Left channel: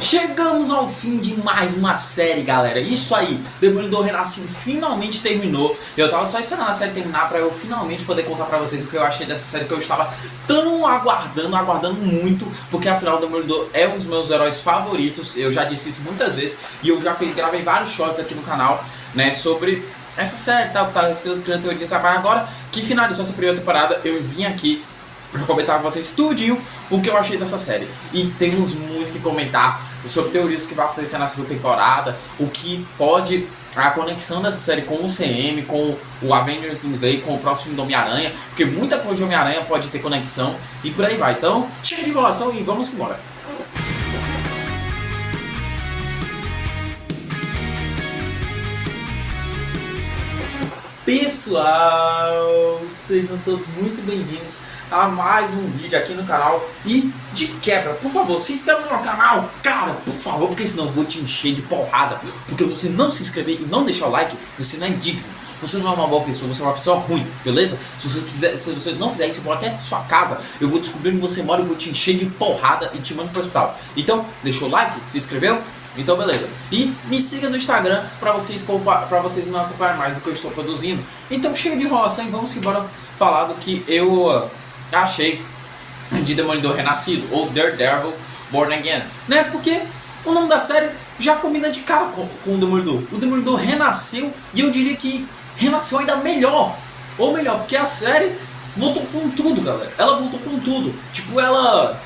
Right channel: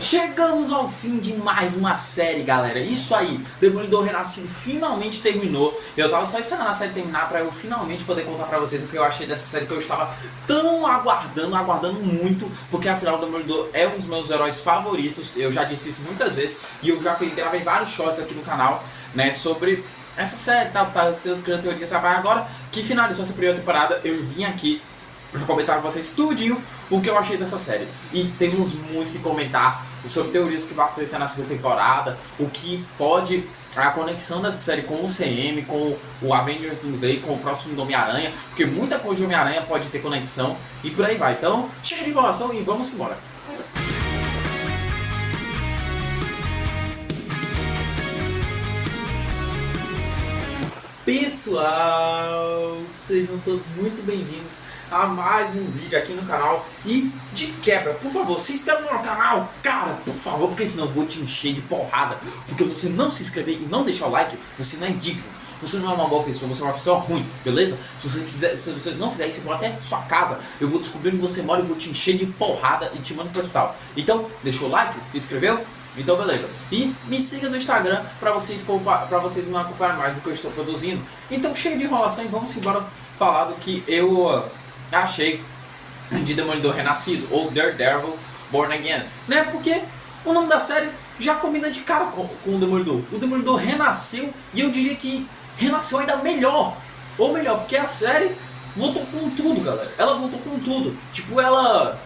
Chegamos ao fim de mais uma série, galera. Isso aí, Demolidor Renascido finalmente terminou. Eu tava só esperando a série terminar pra eu finalmente poder contar pra vocês o que eu achei dessa série, que eu estava tão aguardando muito, porque afinal o Demolidor é um dos meus heróis favoritos. Eu já disse isso muitas vezes e eu já gravei vários shorts aqui no canal, né, sobre essa série, essas grandes teorias. Mas agora que finalizou essa primeira temporada, eu vim aqui para comentar com vocês tudinho o que eu achei dessa série. E temos muito que comentar sobre teorias que vai acontecer na segunda temporada, o que pode, a conexão dessa série com o CM, com o Avengers Doomsday, com o próximo do Homem-Aranha, porque muita coisa de Homem-Aranha pode ter conexão e por aí vai. Então, chega de enrolação e vamos embora. Pessoal, sejam todos muito bem-vindos a mais um vídeo aqui no canal. E de quebra, por favor, se inscreva no meu canal, cara, por favor, porque senão eu vou te encher de porrada. Porque você não se inscrever e não deixar o like, você não é digno. Você não é uma boa pessoa, você é uma pessoa ruim, beleza? Se você não fizer isso, eu vou até sua casa, eu vou descobrir onde você mora e vou te encher de porrada e te mando pro hospital. Então, deixou o like? Se inscreveu? Então beleza. E me siga no Instagram pra vocês me acompanharem mais do que eu estou produzindo. Então chega de enrolação e vamos embora falar do que eu achei de Demolidor Renascido, ou Daredevil Born Again, né? Porque o nome da série já combina de cara com o Demolidor. O Demolidor renasceu e eu diria que renasceu ainda melhor. Ou melhor, porque a série voltou com tudo, galera. Ela voltou com tudo. Tipo, ela...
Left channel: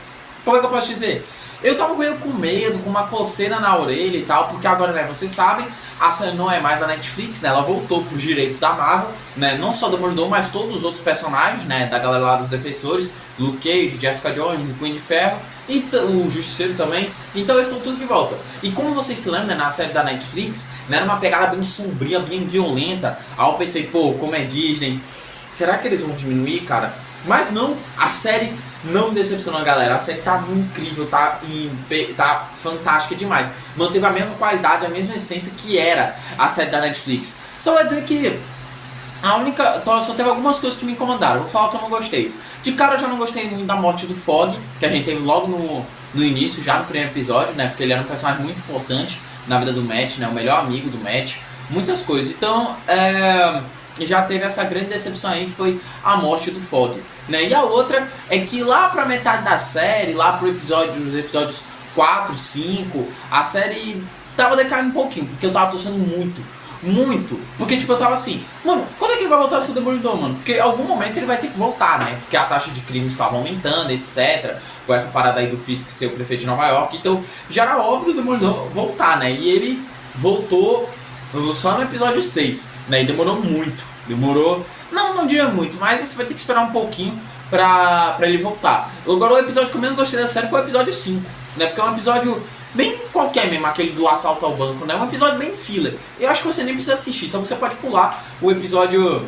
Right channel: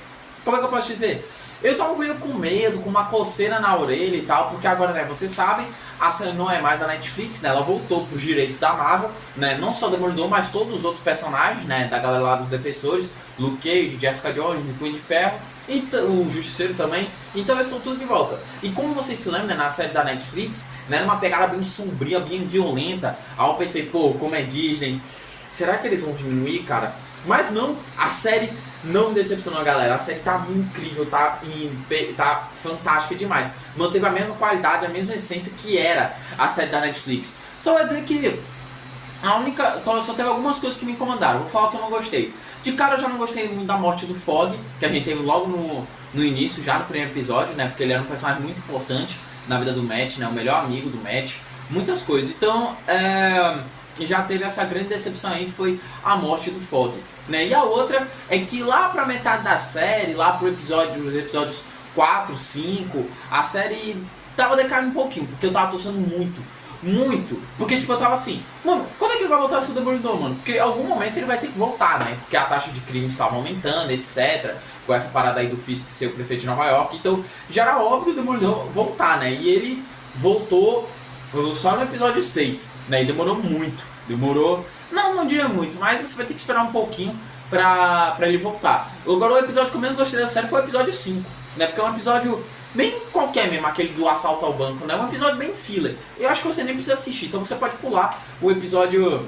Como é que eu posso dizer? Eu tava meio com medo, com uma coceira na orelha e tal, porque agora, né, vocês sabem, a série não é mais da Netflix, né, ela voltou pros direitos da Marvel, né, não só do Demolidor, mas todos os outros personagens, né, da galera lá dos Defensores, Luke Cage, Jessica Jones, Punho de Ferro, e o Justiceiro também, então eles estão tudo de volta. E como vocês se lembram, né, na série da Netflix, né, era uma pegada bem sombria, bem violenta, aí eu pensei, pô, como é Disney, será que eles vão diminuir, cara? Mas não, a série não me decepcionou, galera. A série tá incrível, tá fantástica demais. Manteve a mesma qualidade, a mesma essência que era a série da Netflix. Só vai dizer que só teve algumas coisas que me incomodaram. Vou falar que eu não gostei. De cara eu já não gostei muito da morte do Fog, que a gente teve logo no início, já no primeiro episódio, né? Porque ele era um personagem muito importante na vida do Matt, né? O melhor amigo do Matt. Muitas coisas. Então, já teve essa grande decepção aí, que foi a morte do Fog, né? E a outra é que lá pra metade da série, lá pro os episódios 4, 5, a série tava decaindo um pouquinho, porque eu tava torcendo muito, porque tipo, eu tava assim, mano, quando é que ele vai voltar a ser Demolidor, mano? Porque em algum momento ele vai ter que voltar, né? Porque a taxa de crime estava aumentando, etc, com essa parada aí do Fisk ser o prefeito de Nova York, então já era óbvio o Demolidor voltar, né? E ele voltou só no episódio 6, né? E demorou muito. Não diria muito, mas você vai ter que esperar um pouquinho pra ele voltar. Agora o episódio que eu menos gostei da série foi o episódio 5, né? Porque é um episódio bem qualquer mesmo, aquele do assalto ao banco, né? Um episódio bem filler. Eu acho que você nem precisa assistir, então você pode pular o episódio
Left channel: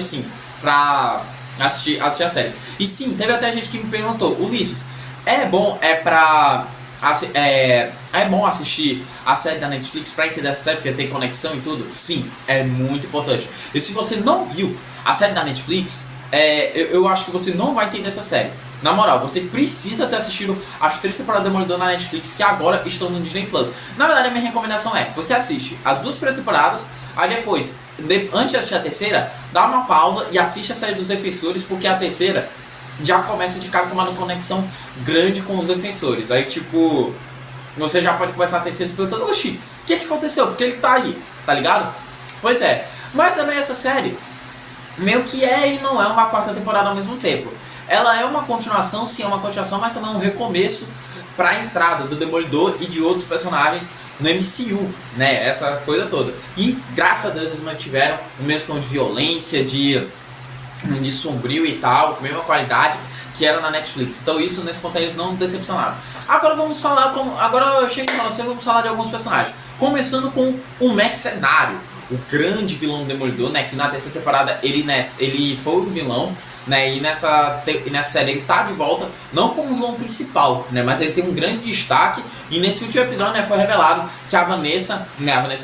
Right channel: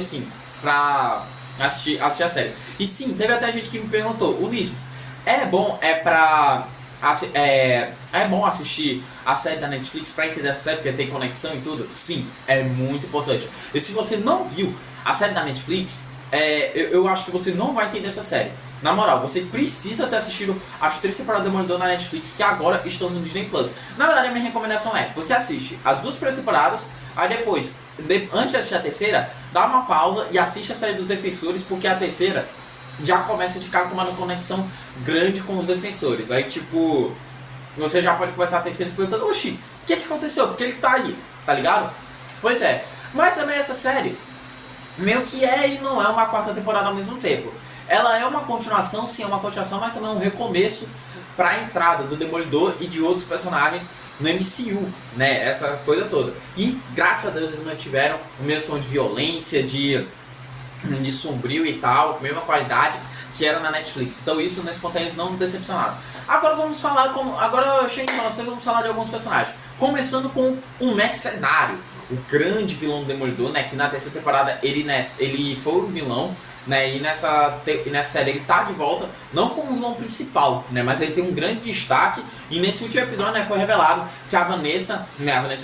5 pra assistir a série. E sim, teve até gente que me perguntou, Ulisses, é bom assistir a série da Netflix pra entender essa série, porque tem conexão e tudo? Sim, é muito importante. E se você não viu a série da Netflix, eu acho que você não vai entender essa série. Na moral, você precisa ter assistido as 3 temporadas do Demolidor na Netflix, que agora estão no Disney Plus. Na verdade, a minha recomendação é, você assiste as 2 primeiras temporadas, aí depois, antes de assistir a terceira, dá uma pausa e assiste a série dos Defensores, porque a terceira já começa de cara com uma conexão grande com os Defensores. Aí tipo, você já pode começar a terceira se perguntando, oxi, o que aconteceu? Porque ele tá aí, tá ligado? Pois é, mas também essa série meio que é e não é uma 4ª temporada ao mesmo tempo. Ela é uma continuação, sim, é uma continuação, mas também é um recomeço pra entrada do Demolidor e de outros personagens no MCU, né, essa coisa toda. E graças a Deus eles mantiveram o mesmo tom de violência, de sombrio e tal, mesma qualidade que era na Netflix. Então isso, nesse ponto, eles não decepcionaram. Agora vamos falar agora eu cheguei em relação, vamos falar de alguns personagens. Começando com o Mercenário, o grande vilão do Demolidor, né, que na terceira temporada ele foi o vilão, né, e nessa série ele tá de volta, não como vilão principal, né, mas ele tem um grande destaque. E nesse último episódio, né, foi revelado que a Vanessa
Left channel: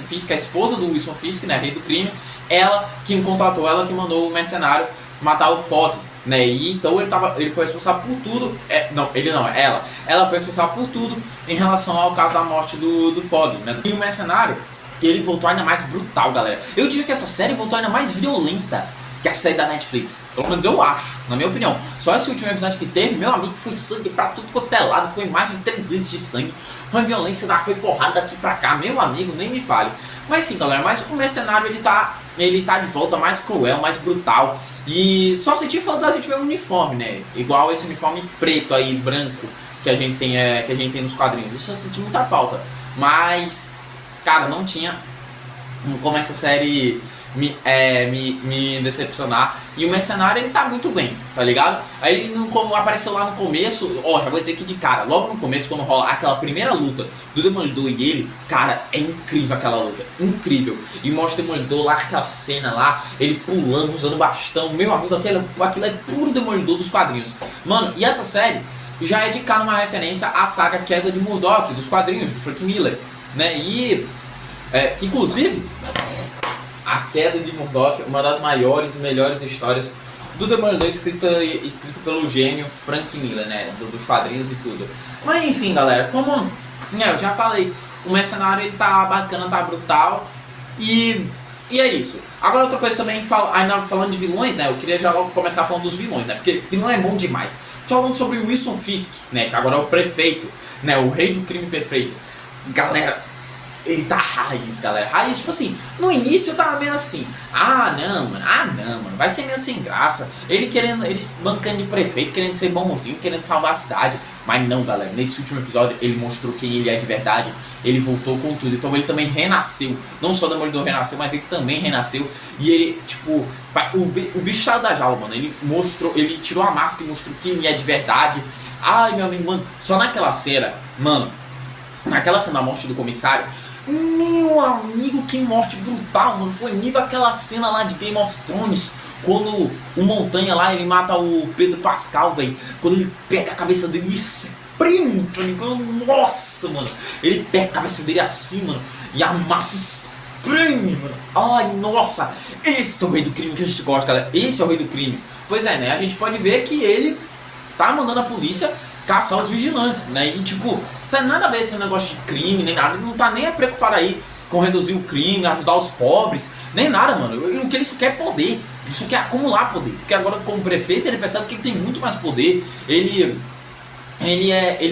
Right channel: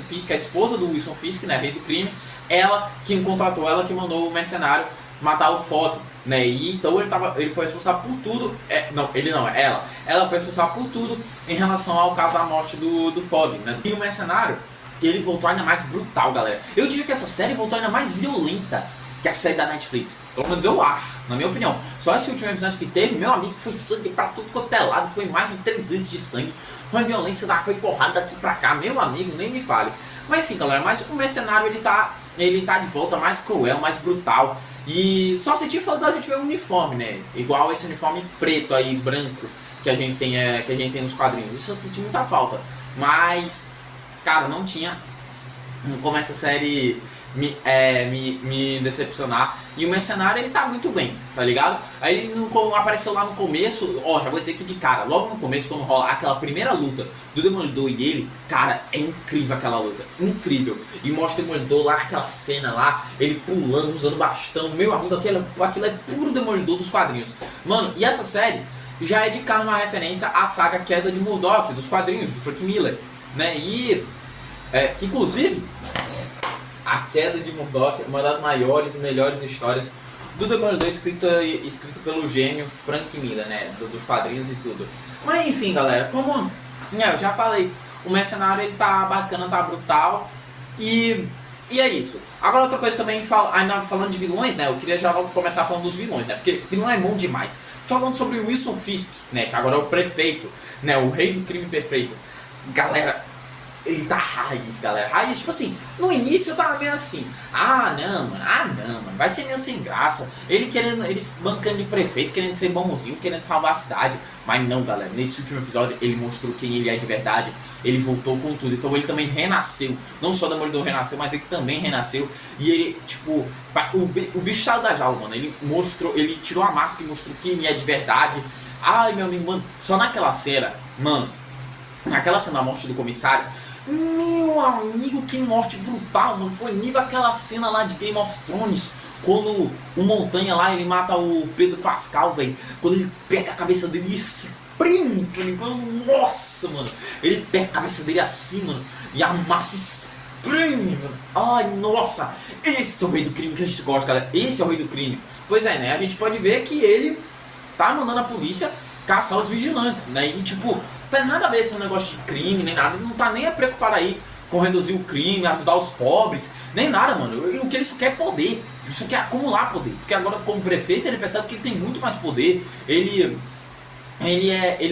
Fisk, a esposa do Wilson Fisk, né, rei do crime, ela que contratou, ela que mandou o Mercenário matar o Fog, né? E então ele foi responsável por tudo. Não, ele não, ela. Ela foi responsável por tudo em relação ao caso da morte do Fog, né? E o Mercenário, ele voltou ainda mais brutal, galera. Eu diria que essa série voltou ainda mais violenta que a série da Netflix. Pelo menos eu acho, na minha opinião. Só esse último episódio que teve, meu amigo, foi sangue pra tudo quanto é lado. Foi mais de 3 litros de sangue. Foi violência, foi porrada daqui pra cá. Meu amigo, nem me fale. Mas enfim, galera, mas o Mercenário, ele tá de volta mais cruel, mais brutal. E só senti falta da gente ver um uniforme, né? Igual esse uniforme preto aí, branco, que a gente tem nos quadrinhos. Isso eu senti muita falta. Mas, cara, não tinha como essa série me decepcionar. E o Mercenário, ele tá muito bem, tá ligado? Aí ele apareceu lá no começo, já vou dizer aqui de cara, logo no começo, quando rola aquela primeira luta do Demolidor e ele, cara, é incrível aquela luta, incrível. E mostra o Demolidor lá naquela cena lá, ele pulando, usando bastão. Meu amigo, aquilo é puro Demolidor dos quadrinhos. Mano, e essa série já é de cara uma referência à saga Queda de Murdoch, dos quadrinhos, do Frank Miller, né? E, inclusive, a Queda de Murdoch, uma das maiores e melhores histórias do Demolidor, escrita pelo gênio Frank Miller, né? Dos quadrinhos e tudo. Mas enfim, galera, como eu já falei, o Mercenário, ele tá bacana, tá brutal. E é isso. Agora outra coisa também, ainda falando de vilões, né? Eu queria já logo começar falando dos vilões, né? Porque vilão é bom demais. Falando sobre o Wilson Fisk, né? Que agora é o prefeito, né? O rei do crime perfeito. Galera, ele tá raiz, galera. Raiz, tipo assim, no início eu tava meio assim. Ah, não, mano. Vai ser meio sem graça. Ele bancando de prefeito, querendo ser bonzinho, querendo salvar a cidade. Mas não, galera. Nesse último episódio, ele mostrou quem ele é de verdade. Ele voltou com tudo. Então ele também renasceu. Não só o Demolidor renasceu, mas ele também renasceu. E ele, tipo, o bicho saiu da jaula, mano. Ele tirou a máscara e mostrou quem ele é de verdade. Ai, meu amigo, mano. Só naquela cena, mano. Naquela cena da morte do comissário. Meu amigo, que morte brutal, mano. Foi nível aquela cena lá de Game of Thrones, quando o Montanha lá, ele mata o Pedro Pascal, velho. Quando ele pega a cabeça dele e espreme, tá ligado? Nossa, mano. Ele pega a cabeça dele assim, mano, e amassa e espreme, mano. Ai, nossa. Esse é o rei do crime que a gente gosta. Esse é o rei do crime. Pois é, né? A gente pode ver que ele tá mandando a polícia caçar os vigilantes, né? E tipo, não tem nada a ver esse negócio de crime, nem nada. Ele não tá nem preocupado aí com reduzir o crime, ajudar os pobres, nem nada, mano. O que ele só quer é poder. Ele só quer acumular poder. Porque agora, como prefeito, ele percebe que ele tem muito mais poder. Ele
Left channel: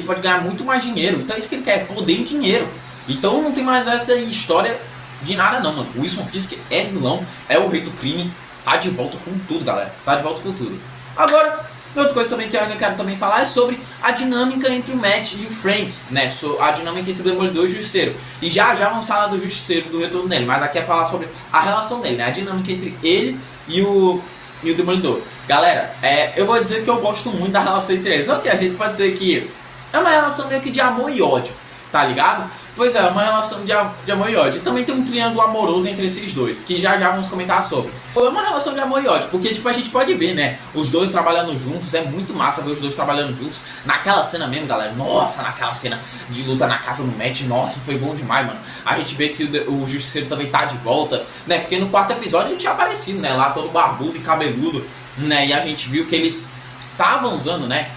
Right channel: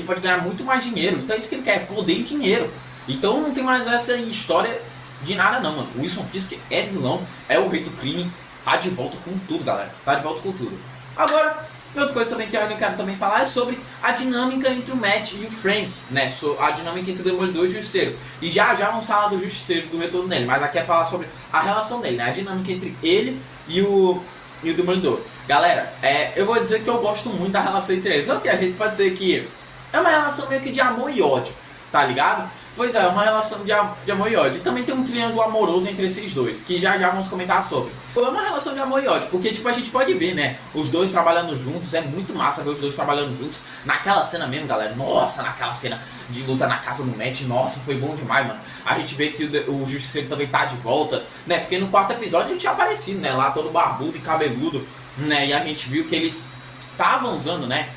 pode ganhar muito mais dinheiro. Então é isso que ele quer, é poder e dinheiro. Então não tem mais essa história de nada não, mano. O Wilson Fisk é vilão, é o rei do crime. Tá de volta com tudo, galera. Tá de volta com tudo. Agora, outra coisa também que eu quero também falar é sobre a dinâmica entre o Matt e o Frank, né? A dinâmica entre o Demolidor e o Justiceiro. E já vamos falar do Justiceiro, do retorno dele, mas aqui é falar sobre a relação dele, né? A dinâmica entre ele e o Demolidor. Galera, eu vou dizer que eu gosto muito da relação entre eles. Ok, a gente pode dizer que é uma relação meio que de amor e ódio, tá ligado? Pois é, uma relação de amor e ódio. E também tem um triângulo amoroso entre esses dois, que já vamos comentar sobre. É uma relação de amor e ódio, porque tipo, a gente pode ver, né, os dois trabalhando juntos, é muito massa ver os dois trabalhando juntos. Naquela cena mesmo, galera, nossa, naquela cena de luta na casa do Matt, nossa, foi bom demais, mano. A gente vê que o Justiceiro também tá de volta, né, porque no quarto episódio ele tinha aparecido, né, lá todo barbudo e cabeludo, né, e a gente viu que eles estavam usando, né,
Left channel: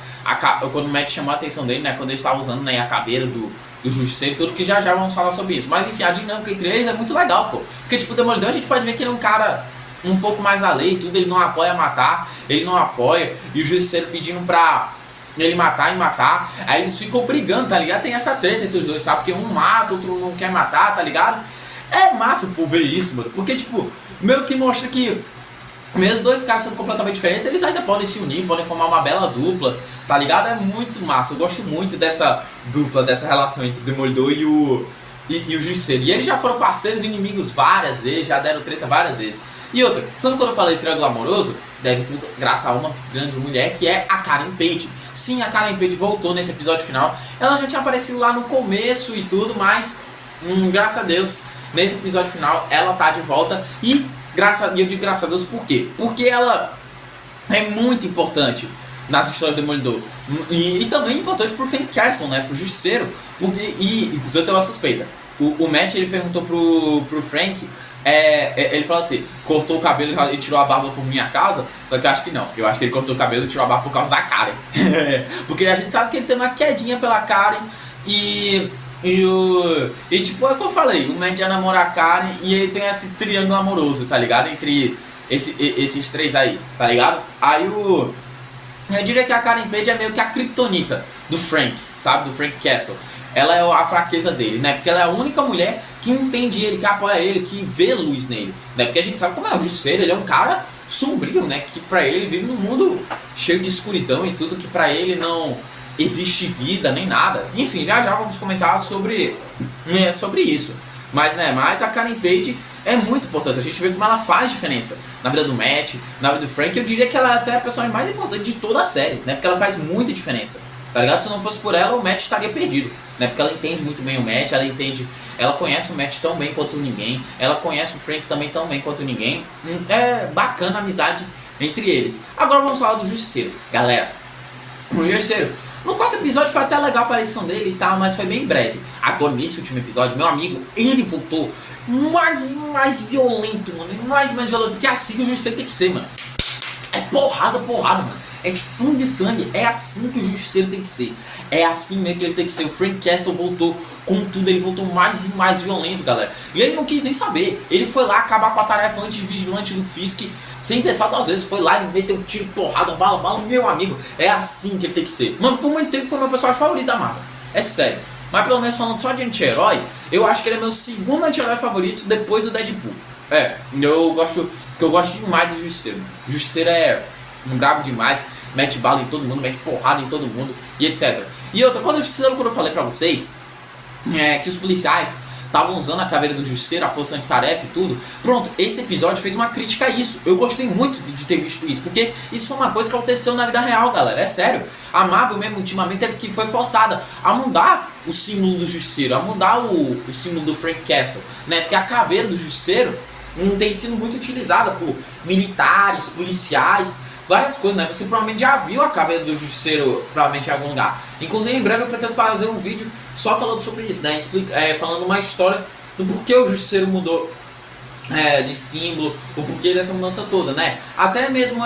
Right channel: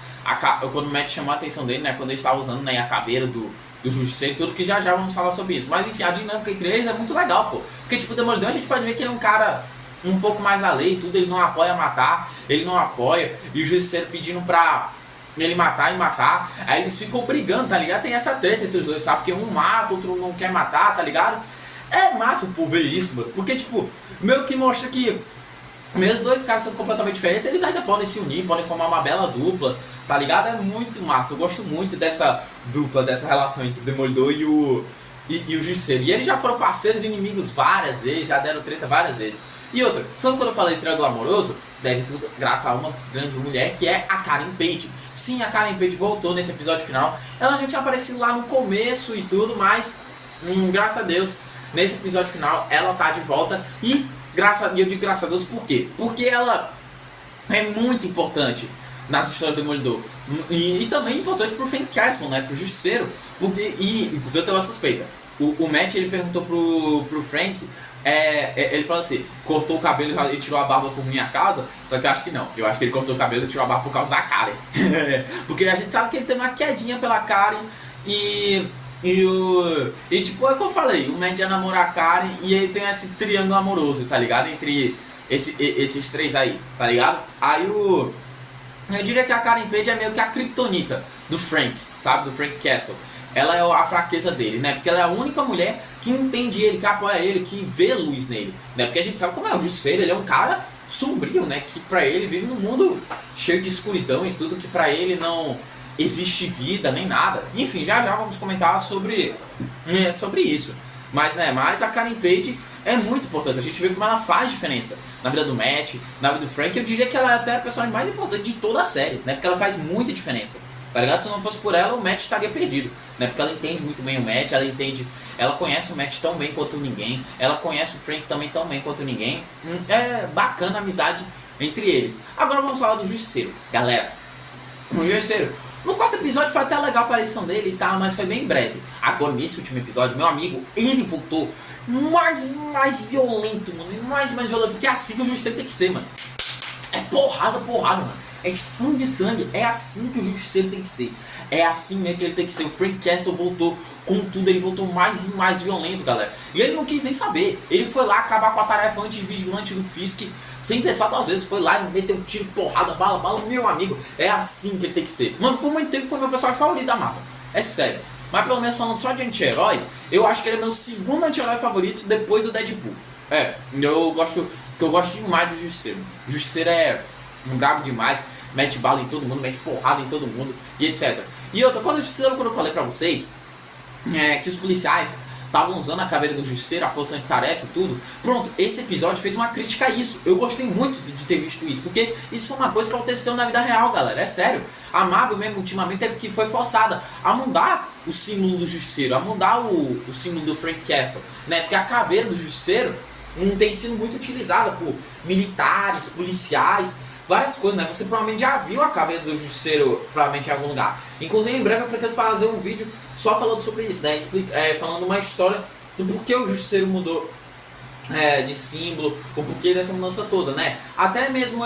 quando o Matt chamou a atenção dele, né, quando ele estava usando, né, a caveira do Justiceiro e tudo, que já vamos falar sobre isso. Mas enfim, a dinâmica entre eles é muito legal, pô. Porque tipo, o Demolidor a gente pode ver que ele é um cara um pouco mais da lei e tudo, ele não apoia matar, ele não apoia, e o Justiceiro pedindo pra ele matar e matar, aí eles ficam brigando, tá ligado? Tem essa treta entre os dois, sabe? Porque um mata, outro não quer matar, tá ligado? É massa, pô, ver isso, mano. Porque tipo, meio que mostra que mesmo dois caras sendo completamente diferentes, eles ainda podem se unir, podem formar uma bela dupla, tá ligado? É muito massa, eu gosto muito dessa dupla, dessa relação entre o Demolidor e o Justiceiro. E eles já foram parceiros e inimigos várias vezes, já deram treta várias vezes. E outra, sabe quando eu falei triângulo amoroso? Deve tudo graças a uma grande mulher que é a Karen Page. Sim, a Karen Page voltou nesse episódio final. Ela já tinha aparecido lá no começo e tudo, mas graças a Deus, nesse episódio final ela tá de volta. E eu digo graças a Deus por quê? Porque ela é muito importante nas histórias do Demolidor. E também importante pro Frank Castle, né? Pro Justiceiro. Porque, inclusive eu tenho uma suspeita. O Matt, ele perguntou pro Frank Ele falou assim, cortou o cabelo e tirou a barba por minha causa, só que eu acho que não. Eu acho que ele cortou o cabelo e tirou a barba por causa da Karen. Porque a gente sabe que ele tem uma quedinha pela Karen e tipo, é como eu falei, o Matt ia namorar a Karen e ele tem esse triângulo amoroso, tá ligado? Entre esses três aí, tá ligado? Eu diria que a Karen Page é meio que a kryptonita do Frank, sabe? Do Frank Castle. Ela é a fraqueza dele, né? Porque ela é a única mulher que entende ele, que apoia ele, que vê luz nele, né? Porque a gente sabe como é o Justiceiro, ele é um cara sombrio, né? Que pra ele vive num mundo cheio de escuridão e tudo, que pra ele não existe vida nem nada. Enfim, já vamos comentar sobre isso. Mas a Karen Page é muito importante. A gente vê como ela faz diferença na vida do Matt, na vida do Frank. Eu diria que ela é até a personagem mais importante de toda a série, né? Porque ela faz muita diferença, tá ligado? Se não fosse por ela, o Matt estaria perdido, né? Porque ela entende muito bem o Matt, ela conhece o Matt tão bem quanto ninguém, ela conhece o Frank também tão bem quanto ninguém. É bacana a amizade entre eles. Agora vamos falar do Justiceiro, galera. O Justiceiro, no quarto episódio foi até legal a aparição dele e tal, mas foi bem breve. Agora nesse último episódio, meu amigo, ele voltou mais violento, mano. Mais violento, porque é assim que o Justiceiro tem que ser, mano. É porrada, mano. É sangue. É assim que o Justiceiro tem que ser. É assim mesmo que ele tem que ser. O Frank Castle voltou com tudo. Ele voltou mais e mais violento, galera. E ele não quis nem saber. Ele foi lá acabar com a tarefa anti-vigilante do Fisk. Sem pensar duas vezes. Foi lá e meteu um tiro, porrada, bala. Meu amigo, é assim que ele tem que ser. Mano, por muito tempo foi meu personagem favorito da Marvel. É sério. Mas pelo menos falando só de anti-herói, eu acho que ele é meu segundo anti-herói favorito depois do Deadpool. Eu gosto demais do Justiceiro. O Justiceiro é um brabo demais. Mete bala em todo mundo, mete porrada em todo mundo e etc. E outra, quando eu falei pra vocês que os policiais estavam usando a caveira do Justiceiro, a força antitarefa e tudo, pronto, esse episódio fez uma crítica a isso. Eu gostei muito de ter visto isso, porque isso foi uma coisa que aconteceu na vida real, galera, é sério. A Marvel mesmo, ultimamente, foi forçada a mudar o símbolo do Justiceiro, a mudar o símbolo do Frank Castle, né? Porque a caveira do Justiceiro tem sido muito utilizada por militares, policiais, várias coisas, né? Você provavelmente já viu a caveira do Justiceiro, provavelmente em algum lugar. Inclusive, em breve eu pretendo fazer um vídeo só falando sobre isso, né? Falando uma história do porquê o Justiceiro mudou de símbolo, o porquê dessa mudança toda, né? Até mesmo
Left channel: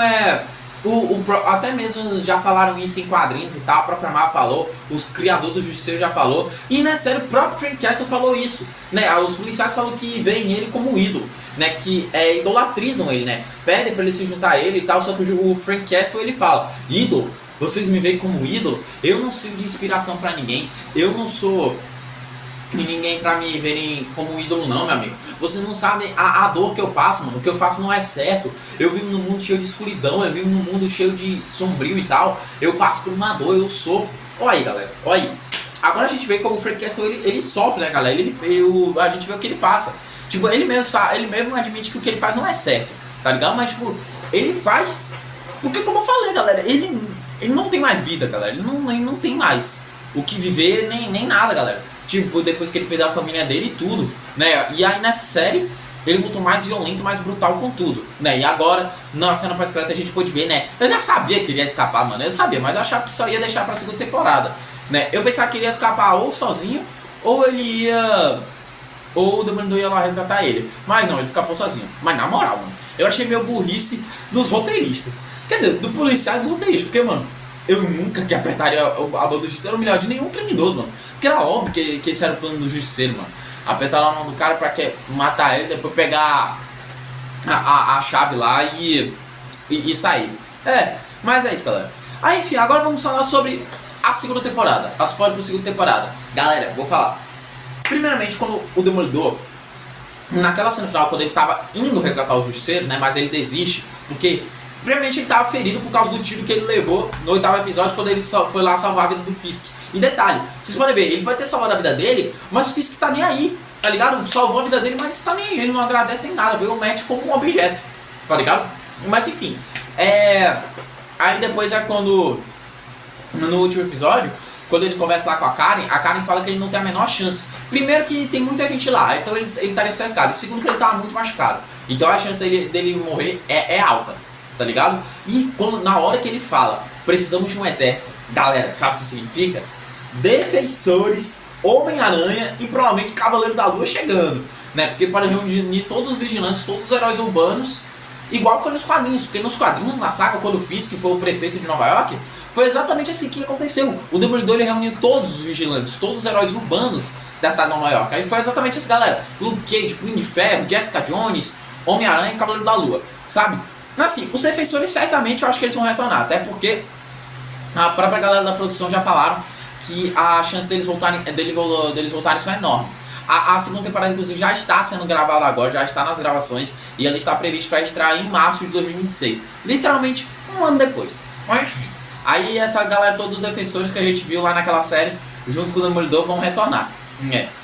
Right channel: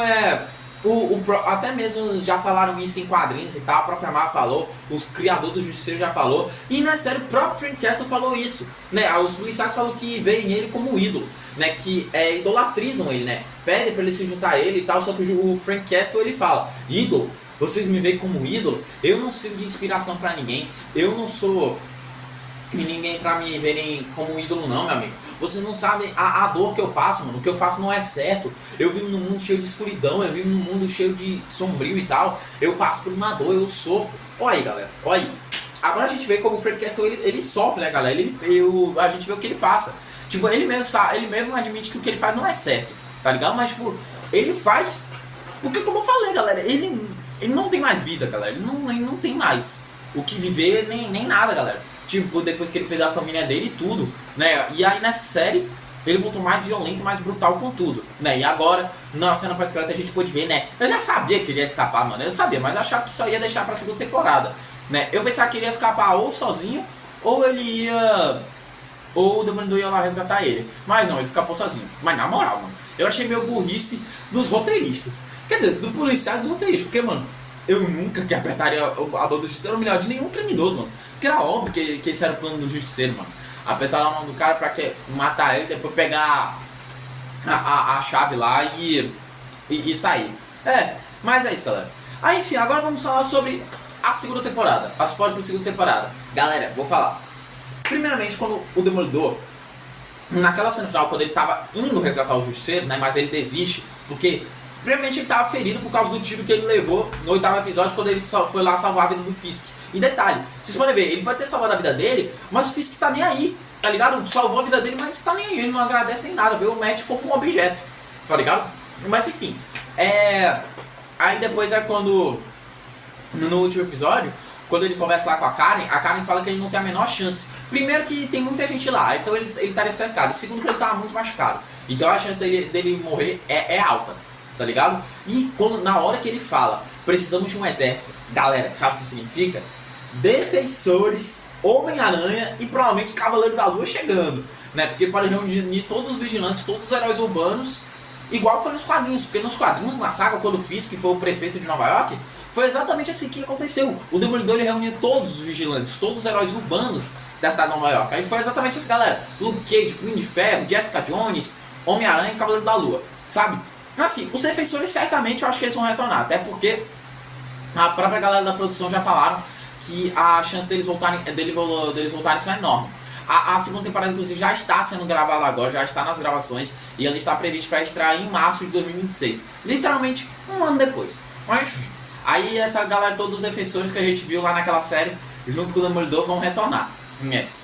até mesmo já falaram isso em quadrinhos e tal, a própria Marvel falou, os criadores do Justiceiro já falou, e na série o próprio Frank Castle falou isso, né? Os policiais falam que veem ele como um ídolo, né? Que idolatrizam ele, né? Pedem pra ele se juntar a ele e tal, só que o Frank Castle ele fala: ídolo? Vocês me veem como ídolo? Eu não sirvo de inspiração pra ninguém, eu não sou ninguém pra me verem como um ídolo não, meu amigo. Vocês não sabem a dor que eu passo, mano. O que eu faço não é certo. Eu vivo num mundo cheio de escuridão, eu vivo num mundo cheio de sombrio e tal. Eu passo por uma dor, eu sofro. Olha aí, galera, olha aí. Agora a gente vê como o Frank Castle ele sofre, né, galera? A gente vê o que ele passa. Tipo, ele mesmo admite que o que ele faz não é certo, tá ligado? Mas, tipo, ele faz... Porque, como eu falei, galera, ele não tem mais vida, galera. Ele não tem mais o que viver, nem nada, galera. Tipo, depois que ele perdeu a família dele e tudo, né? E aí, nessa série, ele voltou mais violento, mais brutal com tudo, né? E agora, na cena pós-crédito, a gente pôde ver, né? Eu já sabia que ele ia escapar, mano. Eu sabia, mas eu achava que só ia deixar pra segunda temporada, né? Eu pensava que ele ia escapar ou sozinho, ou ele ia... ou o Demolidor ia lá resgatar ele. Mas não, ele escapou sozinho. Mas na moral, mano, eu achei meio burrice dos roteiristas. Quer dizer, do policial e dos roteiristas. Porque, mano, eu nunca que apertaria a mão do Justiceiro no milhão de nenhum criminoso, mano. Porque era óbvio que esse era o plano do Justiceiro, mano. Apertar a mão do cara pra matar ele, depois pegar a chave lá e sair. Mas é isso, galera. Aí, enfim, agora vamos falar sobre a segunda temporada. As spoilers pra segunda temporada. Galera, vou falar. Primeiramente, quando o Demolidor, naquela cena final, quando ele tava indo resgatar o Justiceiro, né, mas ele desiste, porque primeiramente ele tava ferido por causa do tiro que ele levou no 8º episódio, quando ele foi lá salvar a vida do Fisk. E detalhe, vocês podem ver, ele pode ter salvado a vida dele, mas o Fisk tá nem aí, tá ligado? Salvou a vida dele, mas tá nem aí, ele não agradece nem nada, pegou o Matt como um objeto, tá ligado? Mas enfim, aí depois é quando, no último episódio, quando ele conversa lá com a Karen fala que ele não tem a menor chance. Primeiro que tem muita gente lá, então ele estaria cercado. Segundo que ele tava muito machucado. Então a chance dele morrer é alta, tá ligado? E na hora que ele fala, precisamos de um exército, galera, sabe o que significa? Defensores, Homem-Aranha e provavelmente Cavaleiro da Lua chegando. né? Porque ele pode reunir todos os vigilantes, todos os heróis urbanos, igual foi nos quadrinhos, porque nos quadrinhos, na saga, quando o Fisk foi o prefeito de Nova York, foi exatamente assim que aconteceu. O Demolidor ele reuniu todos os vigilantes, todos os heróis urbanos da cidade de Nova York. Aí foi exatamente essa galera: Luke Cage, Punho de Ferro, Jessica Jones, Homem-Aranha e Cavaleiro da Lua, sabe? Assim, os defensores certamente eu acho que eles vão retornar, até porque a própria galera da produção já falaram que a chance deles voltarem são enorme. A segunda temporada, inclusive, já está sendo gravada agora, já está nas gravações, e ela está prevista para estrear em março de 2026. Literalmente, um ano depois. Mas, aí essa galera, todos os defensores que a gente viu lá naquela série, junto com o Demolidor, vão retornar.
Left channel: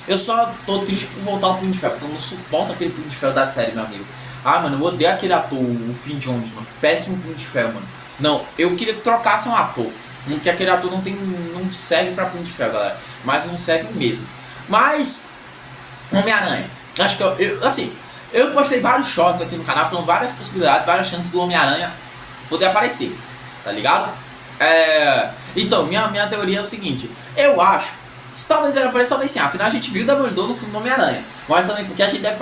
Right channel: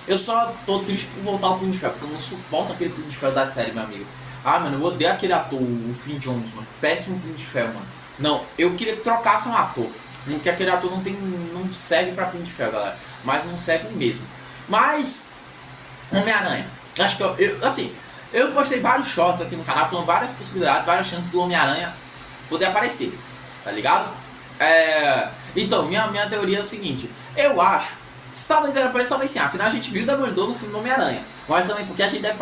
Eu só tô triste por voltar ao Punho de Ferro, porque eu não suporto aquele Punho de Ferro da série, meu amigo. Ah, mano, eu odeio aquele ator, o Finn Jones, mano. Péssimo Punho de Ferro, mano. Não, eu queria que trocasse um ator. Porque aquele ator não serve pra Punho de Ferro, galera. Mas não serve mesmo. Mas, Homem-Aranha. Acho que eu postei vários shorts aqui no canal falando várias possibilidades, várias chances do Homem-Aranha poder aparecer. Tá ligado? Então, minha teoria é o seguinte. Eu acho, talvez ele apareça, talvez sim. Afinal, a gente viu o Demolidor no filme do Homem-Aranha. Mas também porque a gente deve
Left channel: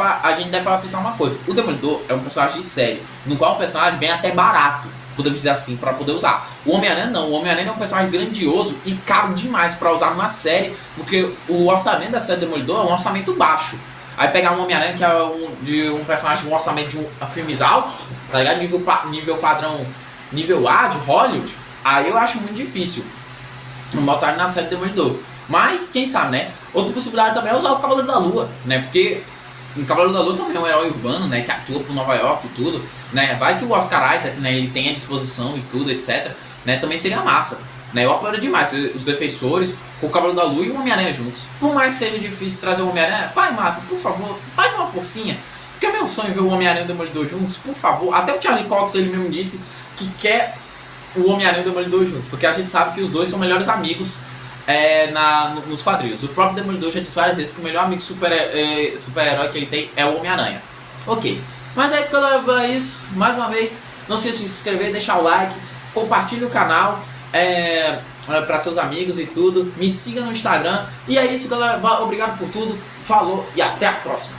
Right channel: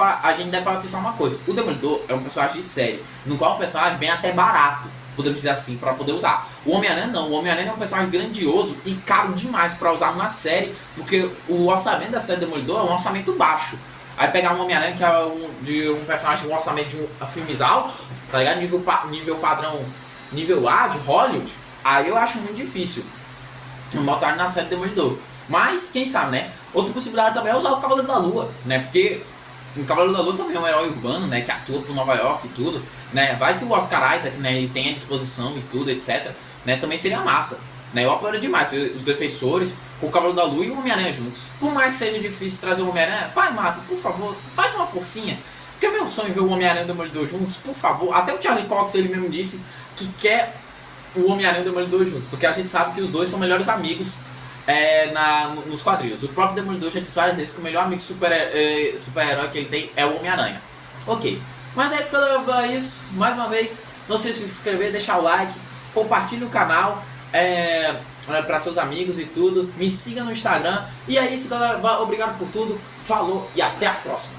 para pensar uma coisa. O Demolidor é um personagem de série, no qual é um personagem bem até barato, podemos dizer assim, para poder usar. O Homem-Aranha não. O Homem-Aranha é um personagem grandioso e caro demais para usar numa série, porque o orçamento da série Demolidor é um orçamento baixo. Aí pegar um Homem-Aranha que é de um personagem com um orçamento de filmes altos, tá ligado? Nível padrão, nível A de Hollywood, aí eu acho muito difícil botar ele na série Demolidor. Mas, quem sabe, né? Outra possibilidade também é usar o Cavaleiro da Lua, né? Porque o Cavaleiro da Lua também é um herói urbano, né? Que atua por Nova York e tudo, né? Vai que o Oscar Isaac, né? Ele tem a disposição e tudo, etc. Né? Também seria massa, né? Eu apoio demais os defensores com o Cavaleiro da Lua e o Homem-Aranha juntos. Por mais que seja difícil trazer o Homem-Aranha, vai, Marvel, por favor, faz uma forcinha. Porque é meu sonho ver o Homem-Aranha e o Demolidor juntos, por favor. Até o Charlie Cox, ele mesmo disse que quer o Homem-Aranha e o Demolidor juntos, porque a gente sabe que os dois são melhores amigos nos quadrinhos. O próprio Demolidor já disse várias vezes que o melhor amigo super-herói que ele tem é o Homem-Aranha. Ok, mas é isso, galera. É isso. Mais uma vez, não se esqueça de se inscrever, deixar o like, compartilhe o canal para seus amigos e tudo. Me siga no Instagram. E é isso, galera. Obrigado por tudo. Falou e até a próxima.